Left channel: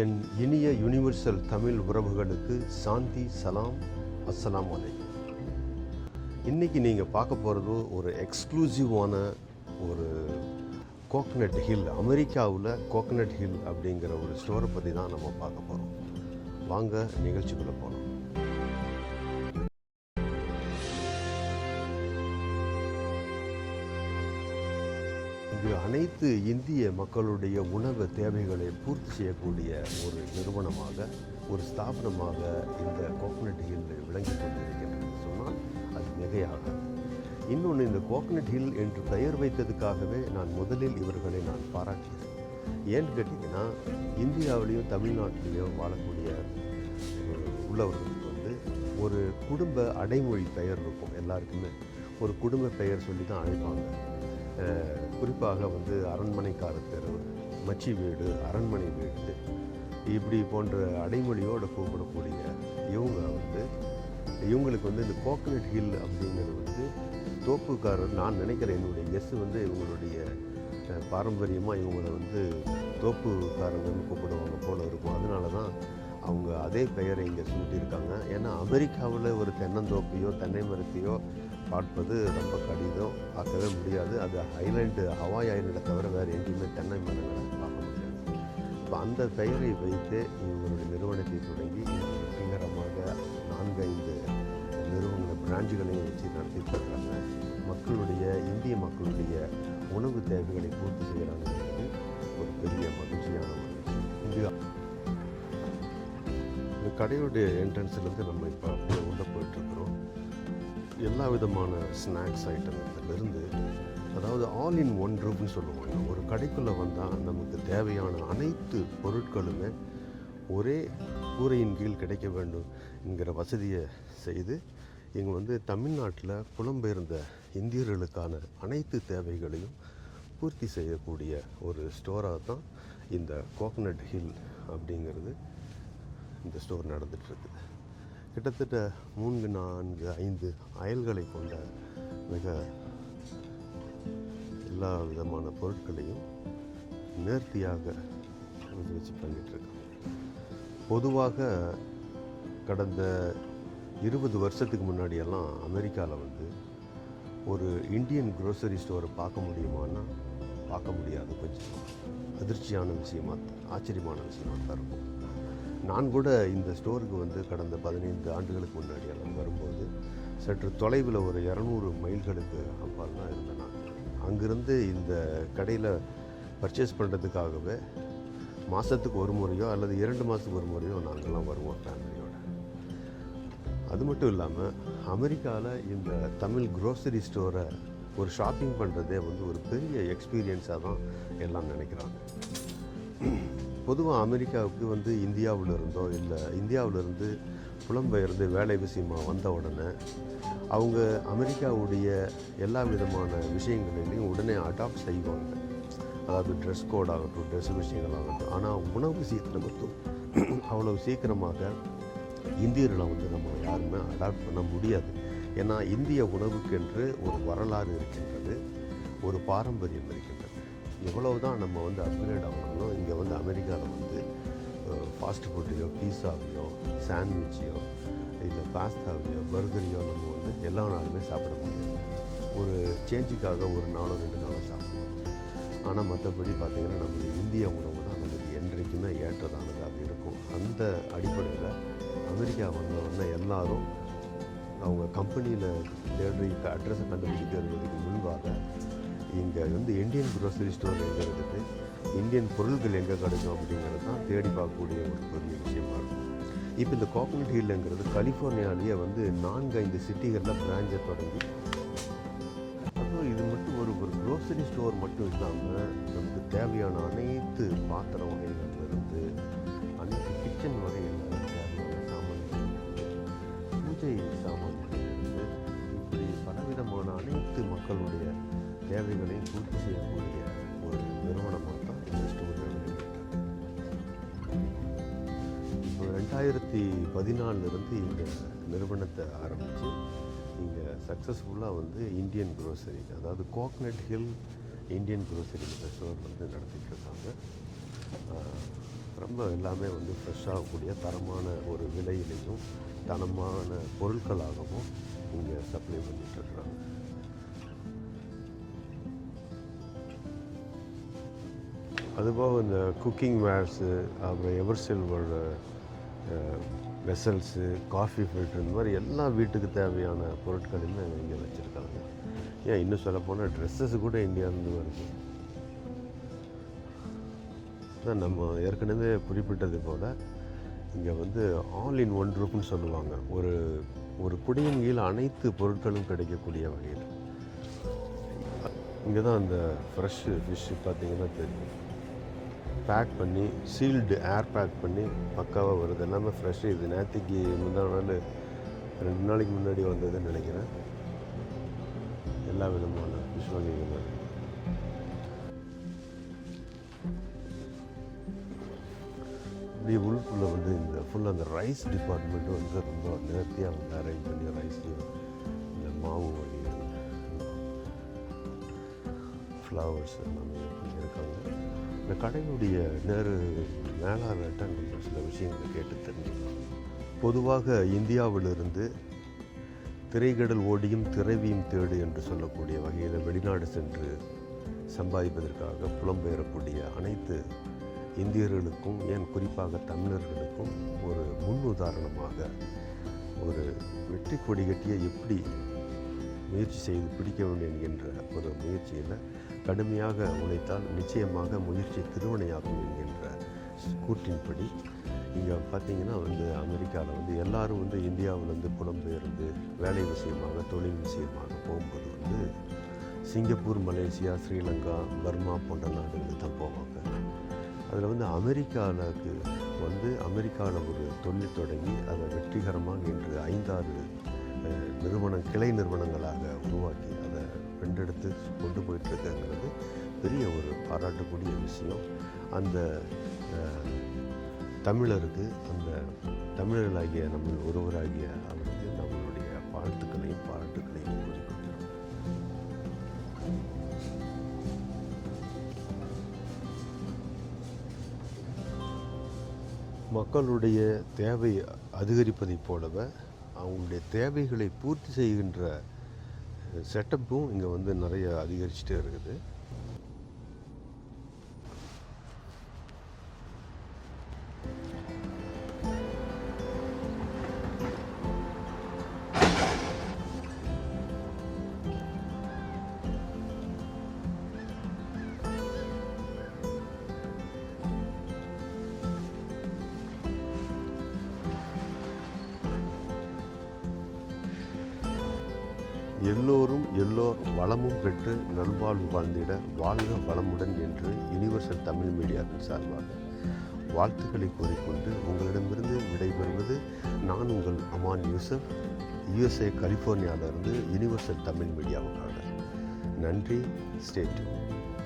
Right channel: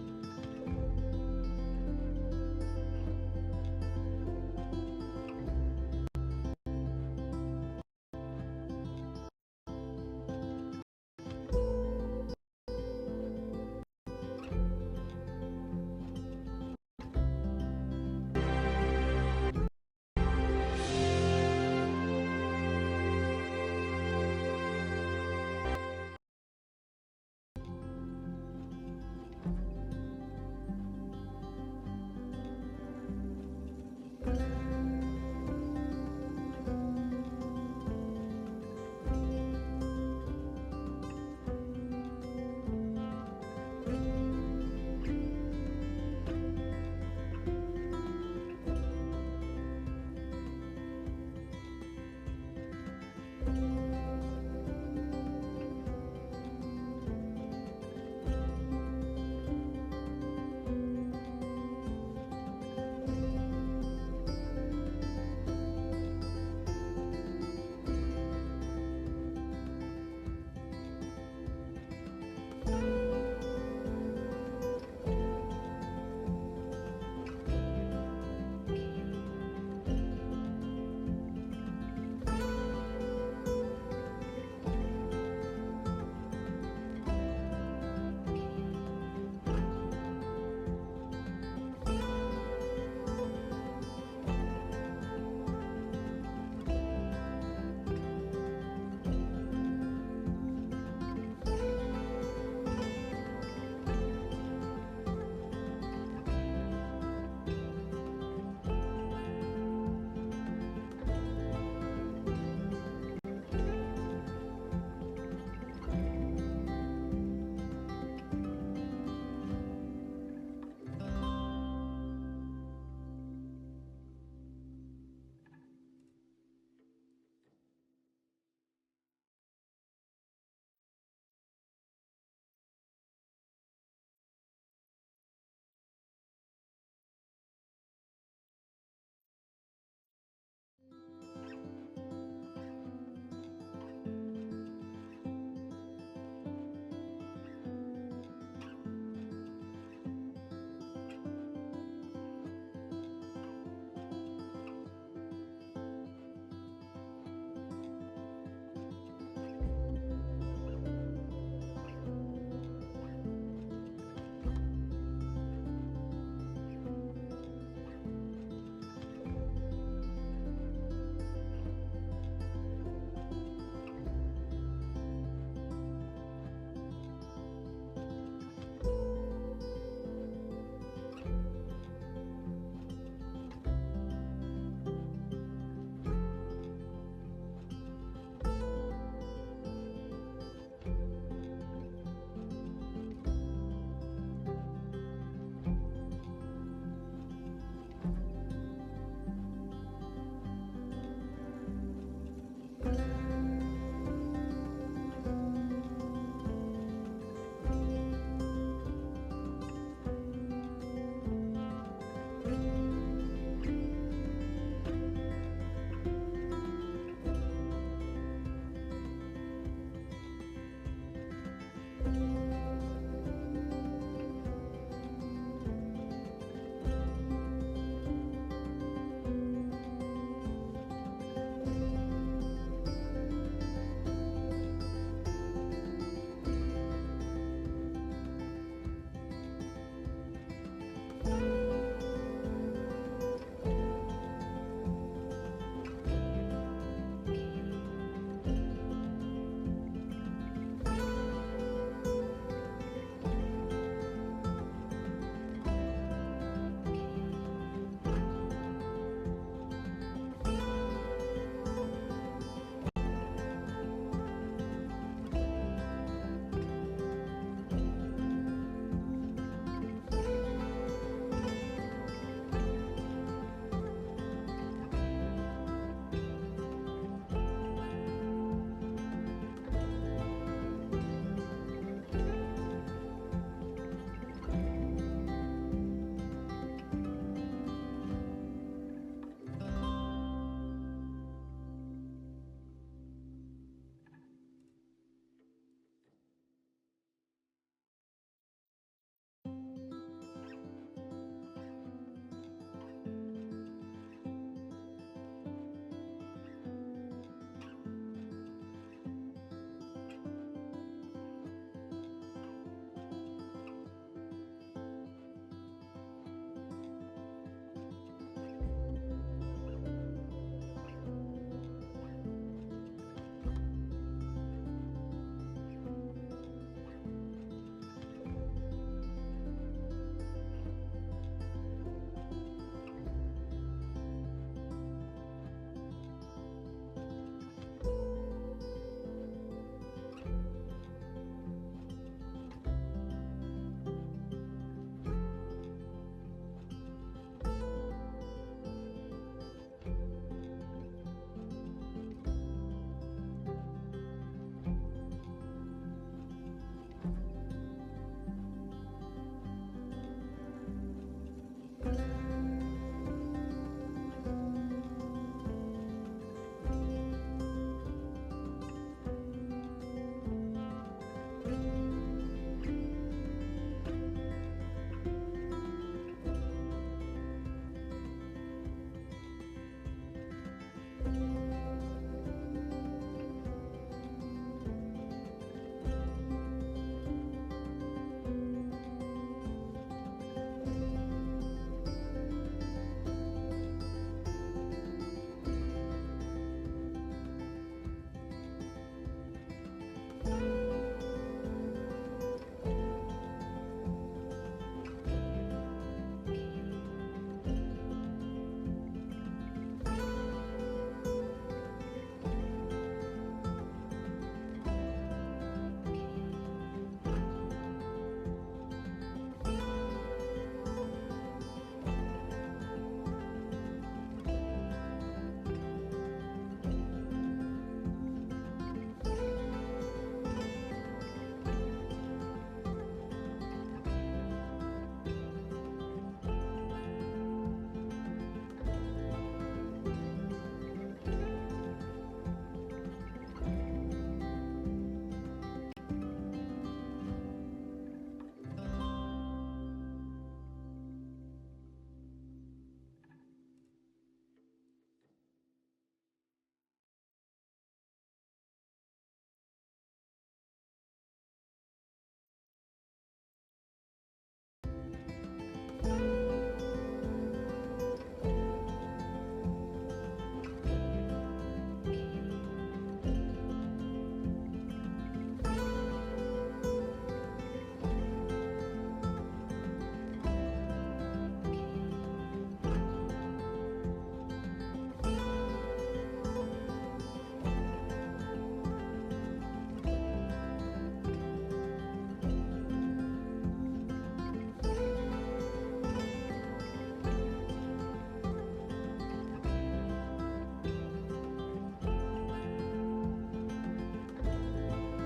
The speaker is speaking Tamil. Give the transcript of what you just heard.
என் இனிய யுனிவர்சல் தமிழ் உறவுகளுக்கு சாந்தி, சலாம், அஸ்ஸலாமு அலைக்கும். இன்றைக்கி நீங்கள் பார்க்க போகிறது ஒரு எக்ஸ்க்ளூசிவான ஒரு கோகனட் ஹில், அமெரிக்காவில் கோகனட் ஹில் அப்படிங்கிற ஒரு ஸ்டோரை பற்றி தான் நம்ம பார்க்க போகிறோம். வாங்க நிகழ்ச்சிக்குள்ளே போகலாம். இது அனைத்து இந்திய மக்களுடைய உணவு தேவைகளை பூர்த்தி செய்யக்கூடிய ஒரு நிறுவனமாக, ஒரு ஸ்தாபனமாக இந்த கோகனட் ஹில் விளங்கி கொண்டிருக்கின்றது சொன்னால் அது மிகையாக. இன்னொன்று, இந்த கோகனட் ஹில் என்று பெயர் வைத்ததுக்காகவே நான் முதலில் இவர்களை பாராட்டினேன். ஏன்னு கேட்டிங்கன்னா, இந்தியாவிலையும் தமிழ்நாட்டிலையும் வாழக்கூடிய உள்ளவர்களுக்கு ஒரு குடும்ப அடைமொழி பெயர் இருக்கும். எல்லாருக்குமே ஒரு குடும்ப பெயர் சொல்லி தான் அழைப்பாங்க. குறிப்பாக அரண்மனைக்கார தெரு, மச்சி வீடு, அரண்மனை வீடு, இப்படி போன்ற அடைமொழியோடு கூப்பிடக்கூடிய இவங்களுக்கு இந்த கோகனட் ஹில் அப்படிங்கிறது தோப்புக்காரர். நான் நினைக்கிறேன், என்னுடைய கெஸ் இவங்களுடைய பாரம்பரியமாக இவங்களை தோப்புக்காரர்கள் கூப்பிடுவாங்க போல இருக்கும். அதனால தான் அவங்க அதே பெயரை இங்கே சொல்லியிருக்காங்க. ஏன்னா அமெரிக்காவில் ஒரு தென்னந்தோப்பையோ தென்னை மரத்தையோ பார்ப்பது ரொம்ப கடினம், பார்க்கவே முடியாது. அது ஹவாய் ஐலண்டை தவிர வேறு எங்கேயுமே தென்னை மரங்கள் இருக்காங்க. இப்போ அந்த பெயரை வைத்து இவங்களுடைய நிறுவனத்தை தொடங்கி வெற்றிகரமாக 4-5 நிறுவன பிரான்ச்சுகளையும் வச்சு நடத்திட்டு இருக்காங்க. இந்திய மக்களுடைய உணவு தேவைகளை பூர்த்தி செய்கிறாங்க. ஒரு பெரிய மகிழ்ச்சியான இந்த கடையுடைய என்ட்ரன்ஸ்லேருந்து நம்ம இப்போ உள்ளே போயிட்டுருக்கிறோம். எல்லா விதமான ஸ்நாக்ஸ் ஐட்டம்லேருந்து, அதாவது ஆல் இன் ஒன் ரூம்னு சொல்லுவாங்க. ஒரு கடைக்குள்ளே வந்தால் நமக்கு தேவையான அனைத்து பொருட்களுமே ஒரே கூரையின் கீழ் கிடைக்க வேண்டும் என்கிற வசதியை செய்து இங்கே தமிழ்நாட்டில் புலம்பெயர்ந்த இந்தியர்களுக்கான அனைத்து தேவைகளையும் பூர்த்தி செய்யக்கூடிய ஒரு ஸ்டோராக தான் இந்த கோகனட் ஹில் அப்படிங்கிறது இந்த ஸ்டோர் நடந்துகிட்ருக்கு. கிட்டத்தட்ட 3, 4, 5 அயல்களை கொண்ட மிக எல்லா விதமான பொருட்களையும் நேர்த்தியாக வச்சு பண்ணிகிட்ருக்கு. பொதுவாக கடந்த 20 வருஷத்துக்கு முன்னாடியெல்லாம் அமெரிக்காவில் ஒரு இந்தியன் க்ரோசரி ஸ்டோரை பார்க்க முடியுமான்னா பார்க்க முடியாது. கொஞ்சம் அதிர்ச்சியான விஷயமாக, ஆச்சரியமான விஷயமாக தான் இருக்கும். நான் கூட இந்த ஸ்டோருக்கு கடந்த 15 ஆண்டுகளுக்கு முன்னாடி எல்லாம் வரும்போது சற்று தொலைவில் ஒரு 200 மைல்களுக்கு அப்பால் தான் இருந்தேன். அங்கிருந்து இந்த கடையில் பர்ச்சேஸ் பண்ணுறதுக்காகவே மாதத்துக்கு ஒரு முறையோ அல்லது 2 மாதத்துக்கு ஒரு முறையோ நாங்கள்லாம் வருவோம் ஃபேமிலியோட. அது மட்டும் இல்லாமல் அமெரிக்காவில் இந்த தமிழ் க்ரோசரி ஸ்டோரை ஒரு ஷாப்பிங் பண்ணுறதே ஒரு பெரிய எக்ஸ்பீரியன்ஸாக தான் எல்லாம் நினைக்கிறாங்க. பொதுவாக அமெரிக்காவுக்கு இந்தியாவில் இருந்தோ இல்லை இந்தியாவிலிருந்து புலம்பெயர்ந்து வேலை விஷயமாக வந்த உடனே அவங்க அமெரிக்காவுடைய எல்லா விதமான விஷயங்களையும் உடனே அடாப்ட் செய்வாங்க. அதாவது ட்ரெஸ் கோட் ஆகட்டும், ட்ரெஸ் விஷயங்கள் ஆகட்டும். ஆனால் உணவு விஷயத்தில் மட்டும் அவ்வளவு சீக்கிரமாக இந்தியர்களை நம்ம யாருமே அடாப்ட் பண்ண முடியாது. ஏன்னா இந்திய உணவுக்கென்று ஒரு வரலாறு இருக்கின்றது, ஒரு பாரம்பரியம் இருக்கின்றது. எவ்வளவு தான் நம்ம அப்கிரேட் ஆகணும், இங்கே அமெரிக்காவில் ஃபாஸ்ட் ஃபுட்டையோ, பீஸாவையோ, சாண்ட்விச்சையோ, இல்லை பாஸ்தாவையோ, பர்கரையோ நம்ம எல்லா நாளுமே சாப்பிட முடியும். ஒரு சேஞ்சுக்காக ஒரு நாளும் 2 நாளும் சாப்பிடுவோம். ஆனால் மற்றபடி பார்த்திங்கன்னா நம்ம இந்திய உணவு தான் நமக்கு என்றைக்குமே ஏற்றதானதாக இருக்கும். அந்த அடிப்படையில் அமெரிக்கா எல்லாரும் அவங்க கம்பெனியில் தேடுற அட்ரஸை கண்டுபிடிக்கிறதுக்கு முன்பாக இங்கே இந்தியன் க்ரோசரி ஸ்டோர் எங்கே இருக்குது, இந்தியன் பொருள்கள் எங்கே கிடைக்கும் அப்படிங்கிறது தான் தேடி பார்க்கக்கூடிய ஒரு பெரிய விஷயமா இருக்கும். இப்போ இந்த கோகனட் ஹில்லுங்கிறது கலிஃபோர்னியாலேயே 4-5 சிட்டிகளில் பிரான்ச்சை தொடங்கி இது மட்டும் ஒரு க்ரோசரி ஸ்டோர் மட்டும் இல்லாமல் நமக்கு தேவையான அனைத்து பாத்திரம் வகைகளிலிருந்து அனைத்து கிச்சன் வகைகளில் பூஜை சாமான்களிலிருந்து பலவிதமான அனைத்து மக்களுடைய தேவைகளையும் பூர்த்தி செய்யக்கூடிய ஒரு நிறுவனமாக தான் இந்த 2014 இந்த நிறுவனத்தை ஆரம்பித்து இங்கே சக்ஸஸ்ஃபுல்லாக இந்தியன் க்ரோசரி, அதாவது coconut hill Indian grocery store நடத்திட்டு இருக்காங்க. ரொம்ப எல்லாமே வந்து ஃப்ரெஷ்ஷாகக்கூடிய தரமான ஒரு விலையிலையும் தரமான பொருட்களாகவும் இங்கே சப்ளை பண்ணிட்டு இருக்கிறாங்க. அதுபோக இந்த குக்கிங் வேர்ஸு, அப்புறம் ever silver vessels, coffee filter, இந்த மாதிரி எல்லா வீட்டுக்கு தேவையான பொருட்களையுமே இங்கே வச்சுருக்காங்க. ஏன் இன்னும் சொல்லப்போனால் ட்ரெஸ்ஸஸ் கூட இந்தியாவிலேருந்து வருது. தான் நம்ம ஏற்கனவே குறிப்பிட்டது போல் இங்கே வந்து ஆல் இன் ஒன் ரூப்னு சொல்லுவாங்க. ஒரு குடியின் கீழ் அனைத்து பொருட்களும் கிடைக்கக்கூடிய வகையில். இங்கே தான் அந்த ஃப்ரெஷ்ஷு ஃபிஷ்ஷு பார்த்திங்கன்னா தெரியும், பேக் பண்ணி சீல்டு ஏர் பேக் பண்ணி பக்காவாக வருது. எல்லாமே ஃப்ரெஷ்ஷு. இது நேற்றுக்கு முந்தா நாள் 2 நாளைக்கு முன்னாடி வந்ததுன்னு நினைக்கிறேன். எல்லா விதமான ஃபிஷ் வகைகள். இப்படி உள்குள்ளே வந்து இந்த ஃபுல்லாக அந்த ரைஸ் டிபார்ட்மெண்ட்டு வந்து ரொம்ப நேர்த்தியாக அரேஞ்ச் பண்ண ரைஸ், இந்த மாவு வகைகள், ஃப்ளவர்ஸ் இருக்காங்க. இந்த கடையுடைய மேலாளர்கிட்ட நம்ம சில விஷயங்களை கேட்டு தெரிஞ்சுக்கலாம். பொதுவாக இந்தியாவிலிருந்து திரைக்கடல் ஓடியும் திரைவியும் தேடு என்று சொல்லக்கூடிய வகையில் வெளிநாடு சென்று சம்பாதிப்பதற்காக புலம்பெயரக்கூடிய அனைத்து இந்தியர்களுக்கும், ஏன் குறிப்பாக தமிழர்களுக்கும் ஒரு முன் உதாரணமாக ஒரு வெற்றி கொடி கட்டிய எப்படி முயற்சி செய்து பிடிக்க வேண்டும் என்கின்ற ஒரு முயற்சியில் கடுமையாக உழைத்தால் நிச்சயமாக முயற்சி திருவினையாகும் என்கின்ற கூற்றின்படி இங்கே பார்த்திங்கன்னா வந்து அமெரிக்காவில் வந்து எல்லோரும் வந்து இந்தியாவில் வந்து புலம்பெயர்ந்து வேலை விஷயமாக, தொழில் விஷயமாக போகும்போது வந்து சிங்கப்பூர், மலேசியா, ஸ்ரீலங்கா, பர்மா போன்ற நாடுகளுக்கு தான் போவாங்க. அதில் வந்து அமெரிக்காவுக்கு வந்து அமெரிக்காவில் ஒரு தொழில் தொடங்கி அதை வெற்றிகரமாக இன்று 5-6 கிளை நிறுவனங்களாக உருவாக்கி அதை வென்றெடுத்து கொண்டு போயிட்டு இருக்கிறது பெரிய ஒரு பாராட்டக்கூடிய விஷயம். அந்த தமிழருக்கு, அந்த தமிழர்களாகிய நம்ம ஒருவராகிய அவருக்கு நம்மளுடைய பாராட்டுகளையும் மக்களுடைய தேவை அதிகரிப்பதைப் போலவே அவங்களுடைய தேவைகளை பூர்த்தி செய்கின்ற செட்டப்பும் இங்கே வந்து நிறைய அதிகரிச்சுட்டே இருக்குது. எல்லோரும் வளமும் பெற்று நல்வாழ்வு வாழ்ந்திட வாழ்க வளமுடன் என்று யுனிவர்சல் தமிழ் மீடியாவின் சார்பாக வாழ்த்துக்களை கூறிக்கொண்டு உங்களிடமிருந்து விடைபெறுவது நான் உங்கள் அமான் யூசப், USA கலிஃபோர்னியாவிலிருந்து யுனிவர்சல் தமிழ் மீடியாவுக்காக. நன்றி. Stay tuned.